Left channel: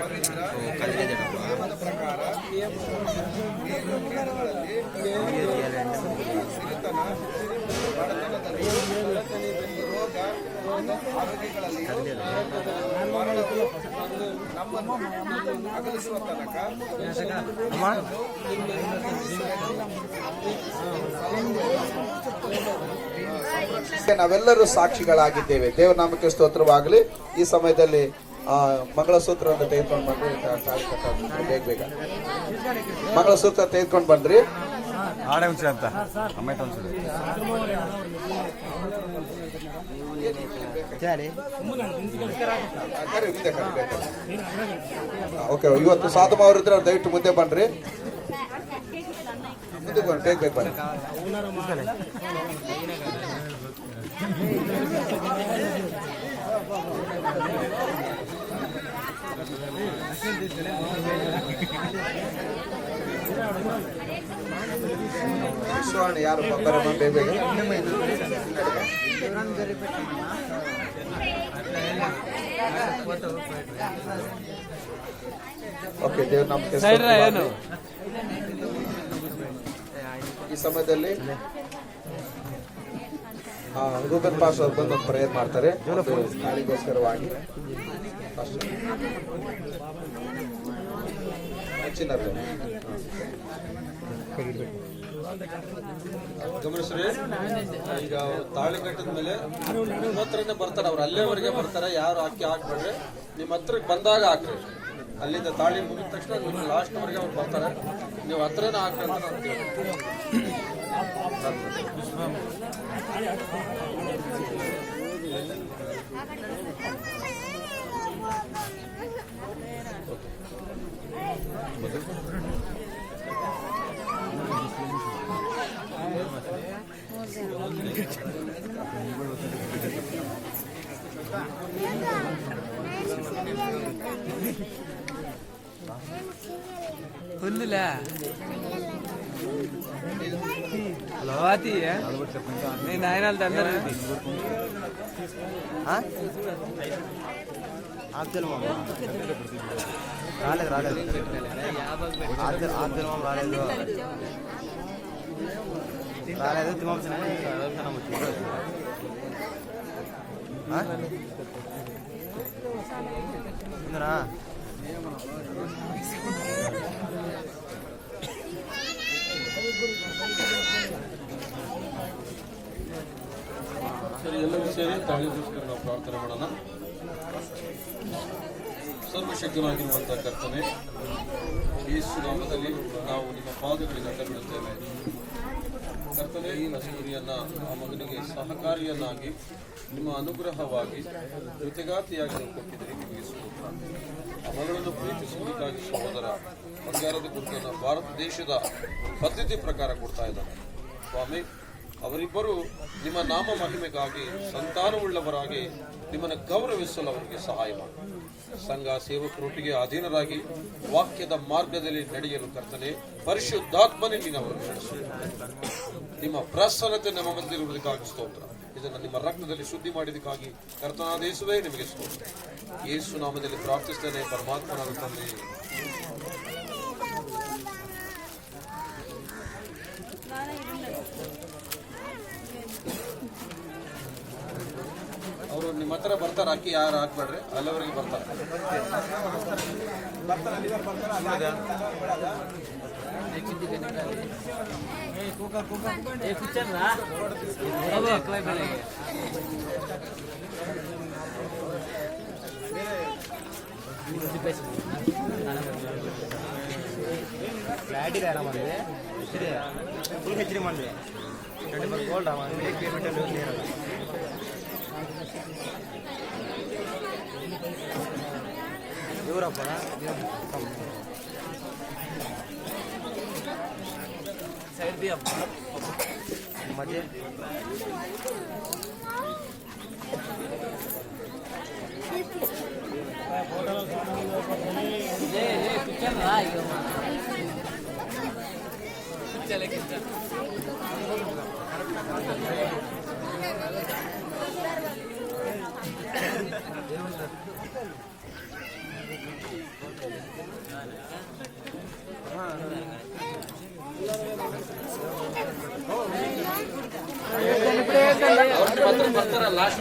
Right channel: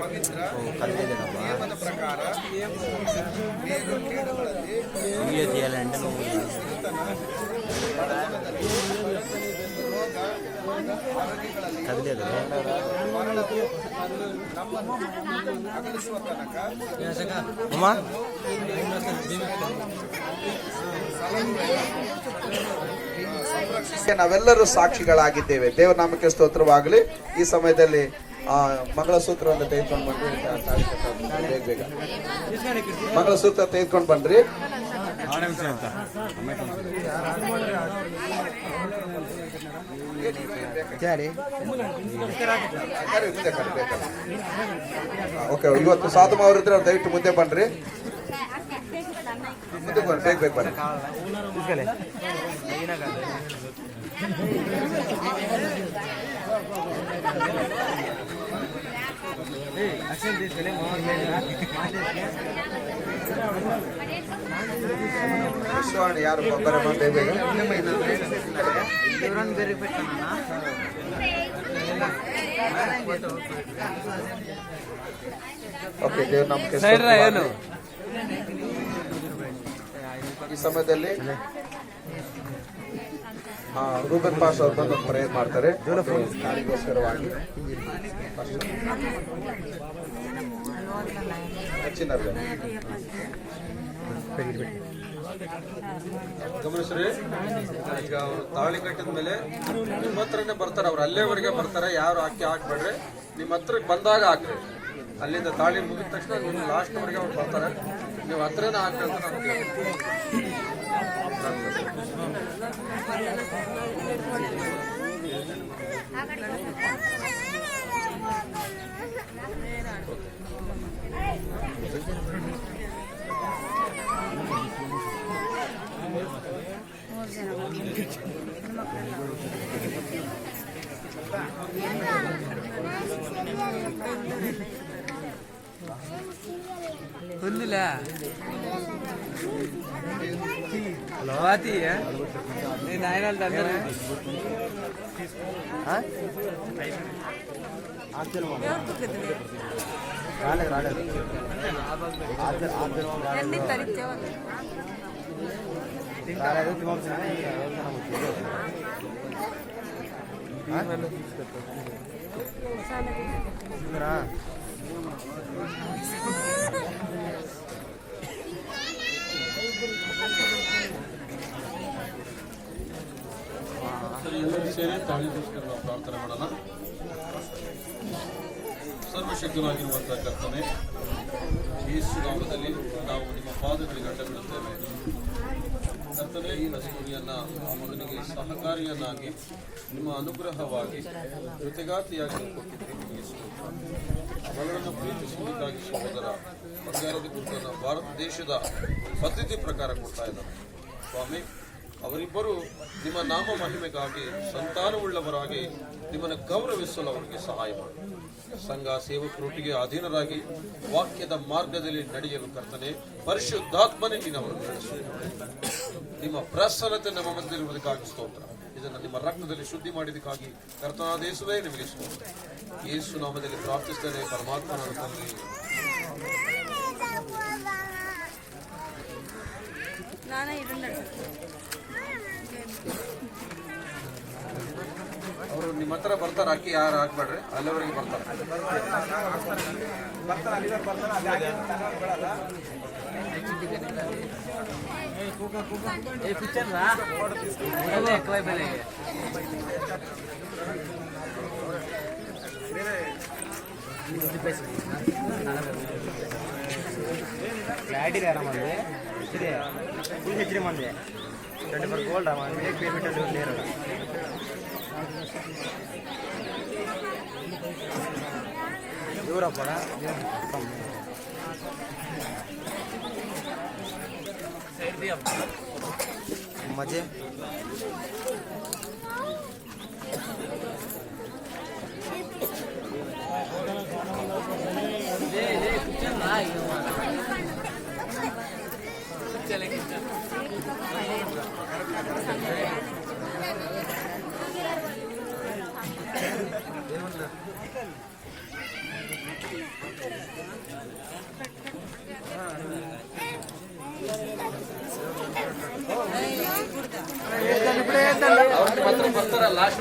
ಪವಿತ್ರ ನಿಯಮದ ಪ್ರಕಾರ ಮೇಲು ಕೀಳುಗಳಲ್ಲಿ ಸಿರಿತನ ಬಡತನದಲ್ಲಿ ರೋಗ ಆರೋಗ್ಯಗಳಲ್ಲಿಯೂ ಮರಣವು ನಮ್ಮನ್ನು ಅಗಲಿಸುವ ತನಕ ನಾವೆಲ್ಲರೂ ಸಾಕ್ಷಿಗಳಾಗಿದ್ದೇವೆ. ದೇವರ ನಾಮಕ್ಕೆ ಸ್ತೋತ್ರವಾಗಲಿ. ಈ ಸಮಯದಲ್ಲಿ ಮಂಗಳಸೂತ್ರವನ್ನು ತೆಗೆದುಕೊಂಡು ಬನ್ರಿ. ಬೇಗ ಮಂಗಳಸೂತ್ರ ತೆಗೆದುಕೊಂಡು ಬನ್ರಿ. ಓಕೆ, ಇವತ್ತು ಸಾಧು ಅವರಿದ್ರೆ ದಯವಿಟ್ಟು ಮುಂದೆ ಬನ್ರಿ. ಮುಂದೆ ಬನ್ನಿ, ಬೇಗ ಬನ್ನಿ. ಸ್ವರ್ಣ ಯಾರು ಬರ ಬೇಗ ಬೇಗ. ಓಕೆ, ದೇವ್ರ ನಮ್ಗೆ ಈ ಸಮಯದಲ್ಲಿ ರೂಬನ್ ಪಾಸ್ ಅವರು ಬಂದು ಪ್ರೇಯರ್ ಮಾಡ್ತಾರೆ ನಾಳಿಗೋಸ್ಕರವಾಗಿ. ಗಮನಿಸ್ರಿ, ಈಗ ಅವರು ತಾಳಿ ಕಟ್ಟಿದ ಮೇಲೆ ನಿಮ್ಮ ಹತ್ರನೇ ಬರ್ತಾರೆ. ಅವ್ರು ಅಲ್ಲೇವರೆಗೆ ಬರ್ತಾರೆ. ಯಾರು ಅಕ್ಕಿ ಹಾಕ್ಬೇಡ್ರಿ, ನಿಮ್ಮ ಹತ್ರಕ್ಕೆ ಬಂದಾಗ ಹಾಕ್ರಿ. ಅಲ್ಲಿಂದ ತಾಳಿ ಮುಗಿದ ತಕ್ಷಣ ನಿಮ್ಮ ಲಾಸ್ಟ್ ವರೆಗೆ ಅವ್ರು ಬರ್ತಾರೆ. ನೀವು ಹತ್ರನೇ ಹಾಕಿ ಅಂತ ನಾನು ಹುಲ್ಲಿಲ್ಲ. హలో అది నేను ఆయన రాలేదు రాలేదు ఆర్జనం రాలేదు రాలేదు తిమ్మరా ಎಲ್ಲರೂ ಸೇರಿ ತಾಳಿ తీసుకొని ನಾವು ಪ್ರಾರ್ಥನೆ ಮಾಡೋಣ. ಸರ್ವಶಕ್ತನಾಗಿರುವಂತಹ ಕರ್ತನೆ, ಯೇಸು ನಾಮದಲ್ಲಿ ನಾವು ನಿಮ್ಮ ಪಾದಗಳಿಗೆ ಅಡ್ಡ ಬೀಳುತ್ತೇವೆ. ಕರ್ತನೆ, ಈ ಕಸ್ತೂರಿಯನ್ನ ಆ ಮಗನಿಗೆ ಸಹಕಾರಿಯನ್ನಾಗಿ ನಿಮ್ಮ ಅನುಗ್ರಹವಾಗಿ ಕೃತಜ್ಞತೆಯಾಗಿ ಕೊಟ್ಟಿದ್ದೀರಿ. ನಿಮಗೆ ಸ್ತೋತ್ರ. ಆ ಮಗಳನ್ನು ಪ್ರೀತಿಸುವುದಕ್ಕಾಗಿ ಸಹೋದರ ಬಂಗಾರದ ಗುರುತನ್ನು ಭಾರತ ದೇಶದ ಪದ್ಧತಿ ಪ್ರಕಾರ ಕೊಡ್ತಾ ಇದ್ದಾರೆ. ಸ್ವಾಮಿ, ಅವರಿಬ್ಬರು ನಿಮ್ಮ ನಾಮ ಮಹಿಮೆಗಾಗಿ ಸಂತಾನವುಳ್ಳವರಾಗಿ ನಿಮ್ಮನ್ನು ಗೌರವಿಸಲು ಅವರಿಗೆ ಸಹಾಯ ಮಾಡಿ. ಸಂಘ ಸೇವಕರೊಟ್ಟಿಗೆ ಅಧೀನರಾಗಿ ವಾಕ್ಯದ ಮಾರ್ಗದಲ್ಲಿ ನಡೆಯಲು ಕರ್ತನೆ, ಪರಿಶುದ್ಧಾತ್ಮನೇ ನೀನವರು ನಡೆಸು. ನಿಮ್ಮ ಪ್ರಸನ್ನತೆ ನಮ್ಮ ಮಧ್ಯದಲ್ಲಿರುವುದಕ್ಕಾಗಿ ಸ್ತೋತ್ರ. ಇದನ್ನು ನಿಮ್ಮ ರಕ್ತದಲ್ಲಿ ಶುದ್ಧಿ ಮಾಡಿದಕ್ಕಾಗಿ ಕರ್ತನಾದ ಯೇಸುವೇ ನಿಮಗೆ ಸ್ತೋತ್ರ. ಯೇಸು ನಾಮದಲ್ಲಿ ಪ್ರಾರ್ಥಿಸುತ್ತೇನೆ, ಪರಮಾತ್ಮನ ತಂದೆ. ಅವರು ನಿಮ್ಮ ಹತ್ರ ಬರ್ತಾರೆ. ಅಕ್ಕಿ ಯಾರು ಹಾಕ್ಬೇಡ್ರಿ, ಅಲ್ಲಿವರೆಗೆ ಬರ್ತಾರೆ. ಇವರಪ್ಪಡ मजे ಅವ್ರಿಗೆ ಮಾತ್ರ ಬರ್ತಾರ ಲಾಸ್ಟ್